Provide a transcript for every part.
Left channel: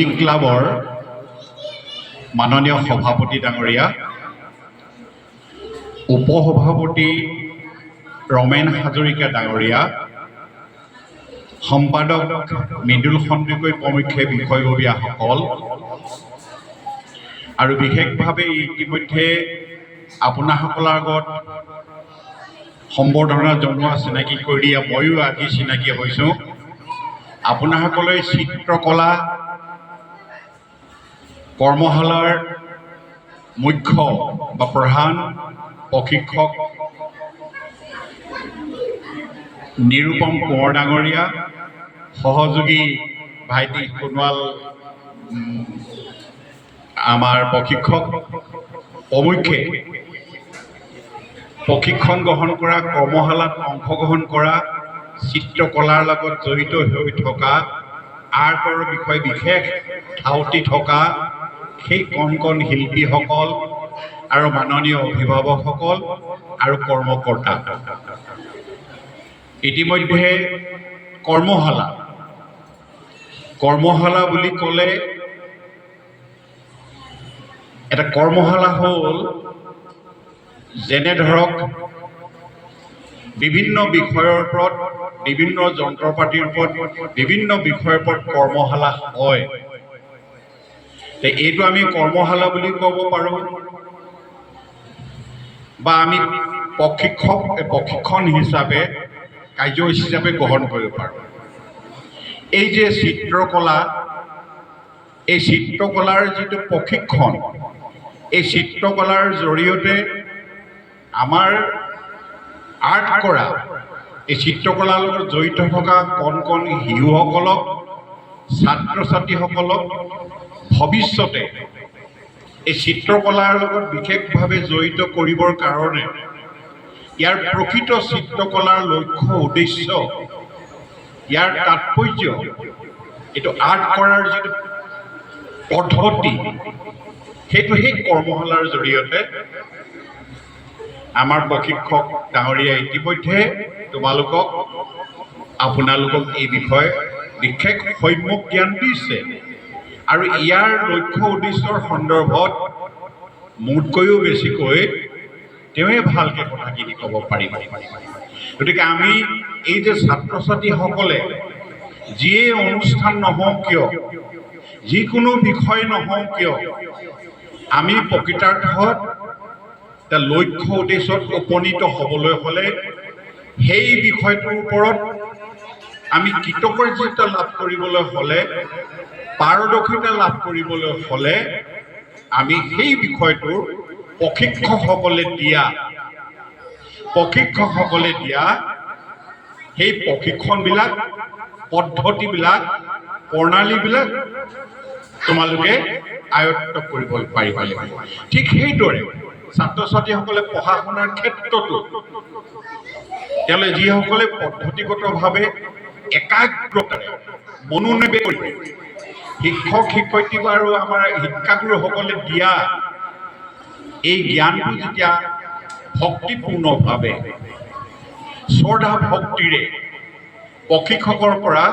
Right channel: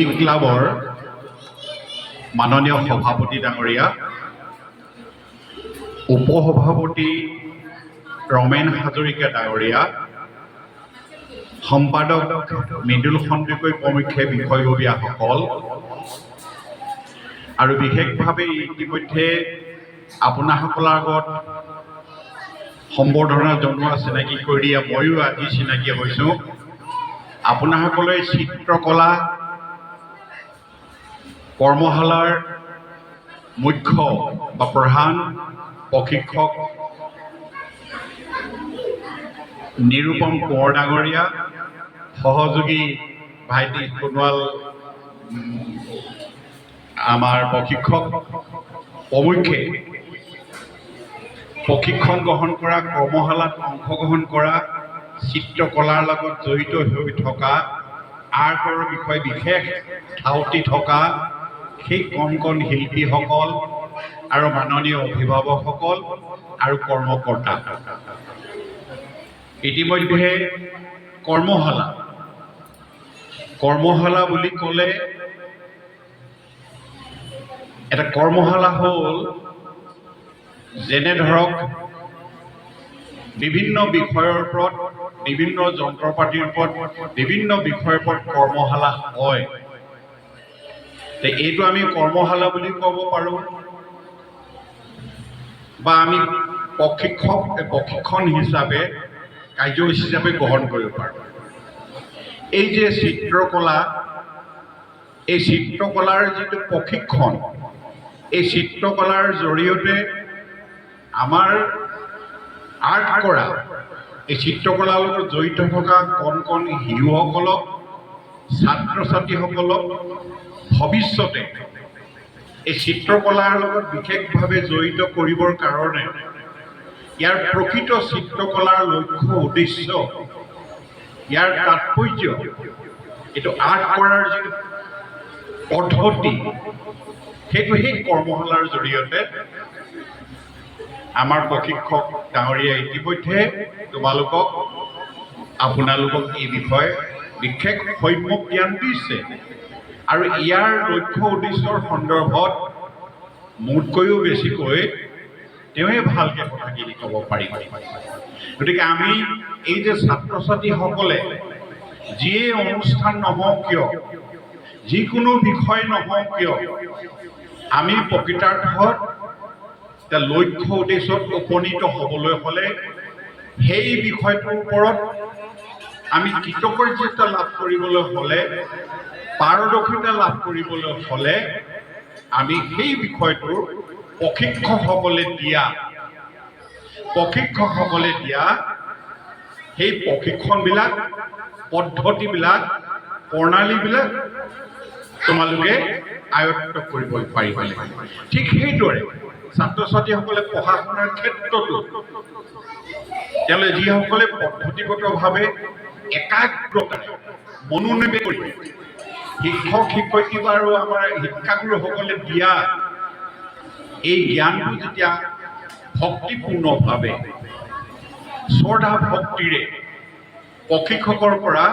Music ক্লাবৰ মাননীয় সভাপতি ডাঙৰীয়া, উপসভাপতি ৰমেন হাজৰিকা ডাঙৰীয়া, সম্পাদক মৃদুল সন্দিকৈ প্ৰমুখ্যে বিষয়ববীয়াসকল আৰু বিশেষভাৱে ইতিমধ্যে আপোনাসকলৰ আগত সম্বৰ্ধনা জনোৱা চিনাকি কৰি দিয়া ময়ো আজি চিনাকি হৈছোঁ। আপোনাসকলে চিত্ৰকলা কৰ্মশালাৰ মুখ্য বা প্ৰধান প্ৰশিক্ষক নিৰুপম কোঁৱৰ ডাঙৰীয়া, সহযোগী ভাইটি সোণোৱাল আমাৰ প্ৰশিক্ষক প্ৰমুখ্যে প্ৰশিক্ষণ গ্ৰহণ কৰা, কৰ্মশালাত অংশগ্ৰহণ কৰা, চিত্ৰকলাৰ লগত জড়িত হৈ থকা, আৰ্টৰ বিষয়ে বিশেষ ধাউতি থকা সেই কণ কণ শিল্পীসকল আৰু মাননীয় অভিভাৱকসকল আৰু কৰ্মকৰ্তা। ইতিমধ্যে কৰ্মশালা বুলি ক'লে এটা কৰ্মশালা হ'ল যেনে ধৰক বিভিন্ন বিষয়ৰ ওপৰত, বিভিন্ন যন্ত্ৰ পাতিৰ ওপৰত, বিভিন্ন বিষয়ৰ ওপৰত কৰ্মশালা হয়। এইটো আমি কৰ্মশালা বুলি ক'ব পাৰোঁ বা আমি প্ৰশিক্ষণ হিচাপে কাৰ্যসূচী হিচাপে গ্ৰহণ কৰিব পাৰোঁ। এই যে চিত্ৰকলা, এই চিত্ৰকলাৰ যিটো প্ৰশিক্ষণ, এই চিত্ৰকলাৰ জৰিয়তে আমাৰ আৰ্ট কৰা, এই চিত্ৰকলাৰ লগত জড়িত থকা কণ কণ শিশুসকলক, ছাত্ৰ ছাত্ৰীসকলক ভৱিষ্যতে এই চিত্ৰকলাৰ লগত বিশেষভাৱে জড়িত কৰিবৰ কাৰণে ইয়াৰ প্ৰকৃত চিত্ৰকলাৰ লক্ষ্য উদ্দেশ্য, ইয়াৰ তাৎপৰ্য, এইটো আৰ্ট কৰাৰ যিটো পদ্ধতি, সেইটো সেই কৰ্মশালাৰ জৰিয়তে আমাৰ প্ৰশিক্ষক ডাঙৰীয়া ইতিমধ্যে আপোনালোকক এই বিষয়ে বিশেষ সম্যক জ্ঞান দিছে আৰু ইয়াৰ লক্ষ্য উদ্দেশ্যৰ সন্দৰ্ভত মোতকৈও বেছিকৈ তেওঁৱে ভালকৈ কথাখিনি ক'ব পাৰিব। গতিকে আমি এই যে ছাত্ৰ ছাত্ৰীসকলে যিয়ে অনুষ্ঠান নহওক কিয়, যিকোনো বিষয় নহওক কিয়, আমি প্ৰকৃতাৰ্থত লক্ষ্য উদ্দেশ্যত উপনীত হ'বলৈ হ'লে সেই বিষয়টোৰ ওপৰত আমি কৃতকাৰ্যতা লাভ কৰিবলৈ হ'লে, পাৰদৰ্শিতা লাভ কৰিবলৈ হ'লে আমি সেই বিষয়টোৰ প্ৰশিক্ষকসকলে দিয়া সেই প্ৰশিক্ষণবিলাক, পদ্ধতিবিলাক, প্ৰণালীবিলাক তোমালোকে আয়ত্ত কৰিব পাৰিব লাগিব। ঠিক সেইদৰে ছাত্ৰ ছাত্ৰীসকলে পঢ়া শুনাৰ ক্ষেত্ৰতো তেওঁলোকে যিসকলে পদ্ধতিগতভাৱে একাগ্ৰতাৰে মনোনিৱেশ কৰি শিক্ষক শিক্ষয়িত্ৰী আৰু আমাৰ শিক্ষাগুৰুসকলে দিয়া এই জ্ঞানটো যেতিয়া ভক্তিপূৰ্ণভাৱে শ্ৰদ্ধা ভক্তিৰে প্ৰশিক্ষকৰ পৰা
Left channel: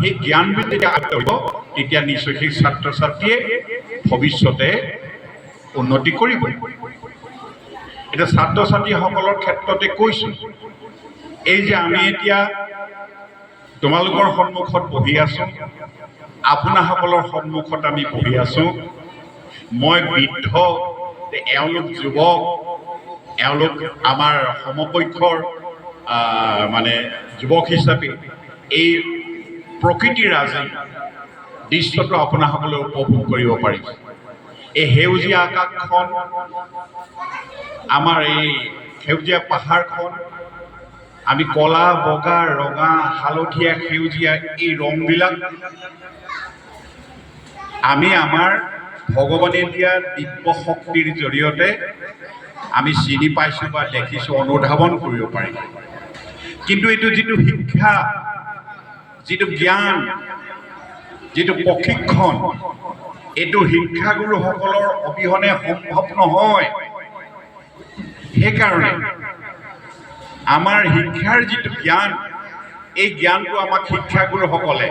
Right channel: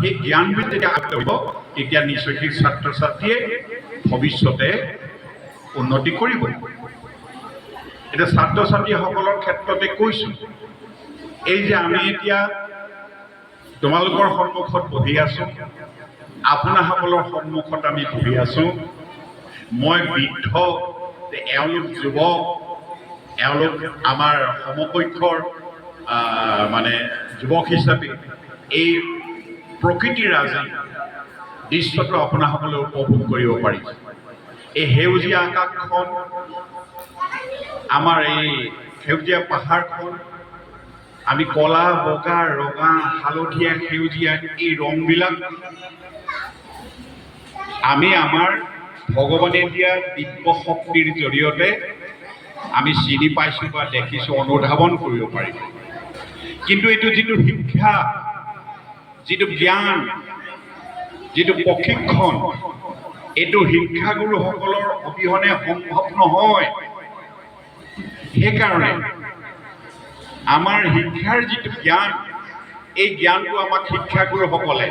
সেই জ্ঞানবিধ যেতিয়া আয়ত্ত কৰিব, তেতিয়া নিশ্চয় সেই ছাত্ৰ ছাত্ৰীয়ে ভৱিষ্যতে উন্নতি কৰিব। এতিয়া ছাত্ৰ ছাত্ৰীসকলৰ ক্ষেত্ৰতে কৈছোঁ, এই যে আমি এতিয়া তোমালোকৰ সন্মুখত বহি আছোঁ, আপোনাসকলৰ সন্মুখত আমি বহি আছোঁ, মই বৃদ্ধ, এওঁলোক যুৱক, এওঁলোক আমাৰ সমপক্ষৰ যুৱক হিচাপে এই প্ৰকৃতিৰাজি দৃশ্যটো আপোনাসকলে উপভোগ কৰিব পাৰিব। এই সেউজীয়া আকাশখন, আমাৰ এই সেউজীয়া পাহাৰখন, আমি কলা, বগা, ৰঙা, হালধীয়া, সেউজীয়া এই ৰংবিলাক আমি আমাৰ ভগৱানে দিয়া দিব্য শক্তিৰ জৰিয়তে আমি চিনি পাইছোঁ বা দেখিছোঁ, অনুধাৱন কৰিব পাৰিম। কিন্তু এইটো যিটো শিক্ষা, যিটো জ্ঞান, যিটো প্ৰশিক্ষণ, এইটো শিক্ষাগুৰুসকলৰ অবিহনে সম্ভৱ নহয়। সেইকাৰণে আমাৰ শিক্ষাৰ যিটো জ্ঞান, এই জ্ঞানটো আমাক শিক্ষাগুৰুসকলে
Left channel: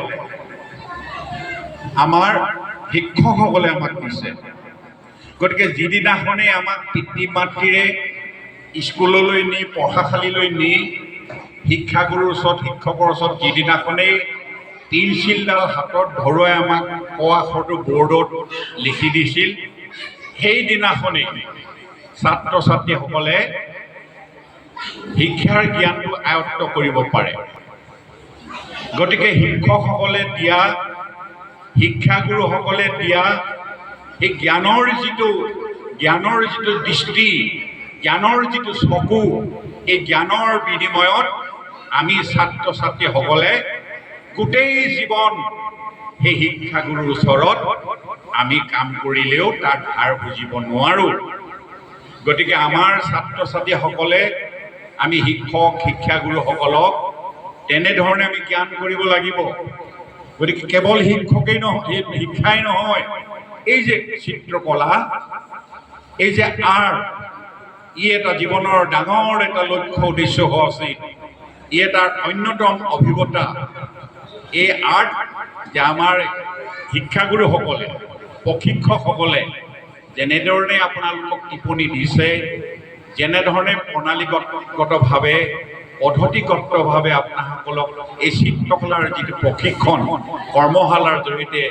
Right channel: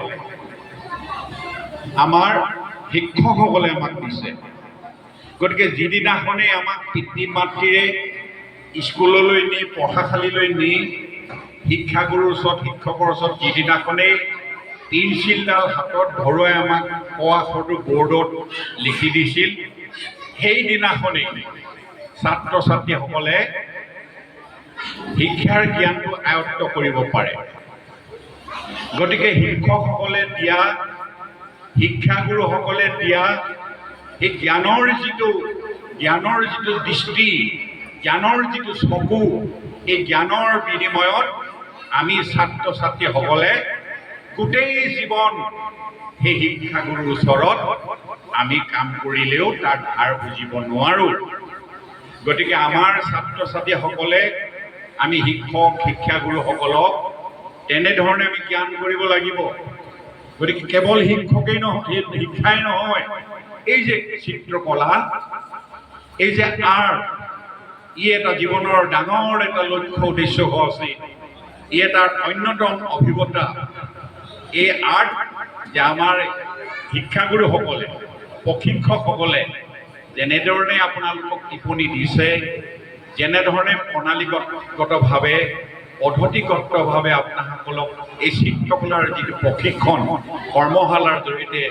আমাৰ শিক্ষকসকলে আমাক দিছে। গতিকে যিদিনাখনেই আমাক পিতৃ মাতৃৰে স্কুললৈ নি পঢ়াশালীলৈ নি শিক্ষাগুৰুৰ ওচৰত শিক্ষকৰ ওচৰত যিদিনাখনেই পেঞ্চিলডাল হাতত ধৰুৱাই আমাক ক আখৰটো বৰ্ডত লিখি দিছিল, সেইদিনাখনেই ছাত্ৰ ছাত্ৰীসকলে শিক্ষাৰ জ্ঞানটো আয়ত্ত কৰিব পাৰে। গতিকে শিক্ষকসকলে দিয়া, শিক্ষাগুৰুসকলে দিয়া এই জ্ঞানৰ যিটো দৃষ্টি, জ্ঞানৰ যিটো চকু, এই জ্ঞানৰ বিনিময়ত আমি ছাত্ৰ ছাত্ৰীসকলে গোটেই জীৱন সেই শিক্ষাগুৰুৰ ওচৰত আমি কাম কৰিলেও তাৰ ধাৰ বুজিব নোৱাৰোঁ। গতিকে আমাৰ ছাত্ৰ ছাত্ৰীসকলে আমি শিক্ষক শিক্ষাগুৰুসকলক তেনেধৰণে আমি জ্ঞান কৰিব লাগিব। গতিকে কেৱল শিক্ষাই নহয়, এই যে চিত্ৰকলা, এই যে আৰ্ট, ই এটা জীৱনৰ ডাঙৰ এটা লক্ষ্য উদ্দেশ্য হোৱা উচিত। ই এটা অন্যতম অভিজ্ঞতা। এই আৰ্ট যে আমাৰ শিক্ষাগুৰুসকলে, প্ৰশিক্ষকসকলে যেনেধৰণে আপোনালোকক টিপনি দিছে, যেনেধৰণে প্ৰণালীগতভাৱে পদ্ধতিগতভাৱে আপোনাসকলক এই চিত্ৰকলাৰ যিটো প্ৰশিক্ষণ কৰ্মশালাৰ জৰিয়তে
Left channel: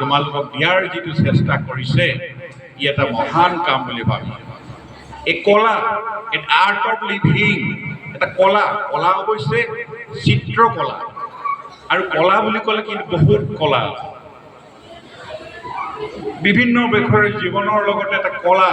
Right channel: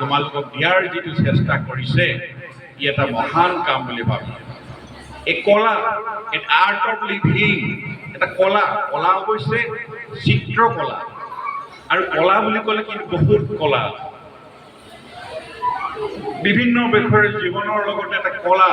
তোমালোকক দিয়াৰ যিটো চেষ্টা কৰিছে, ই এটা মহান কাম বুলি ভাবিছোঁ। এই কলা, এই আৰ্ট অফ লিভিং, এটা কলা অৱশ্যে চিত্ৰকলা। আৰু কলা বুলি ক'লে কিন্তু বহুত কলা, বিভিন্ন বিষয়ৰ জীৱনৰ লগতে এটা কলা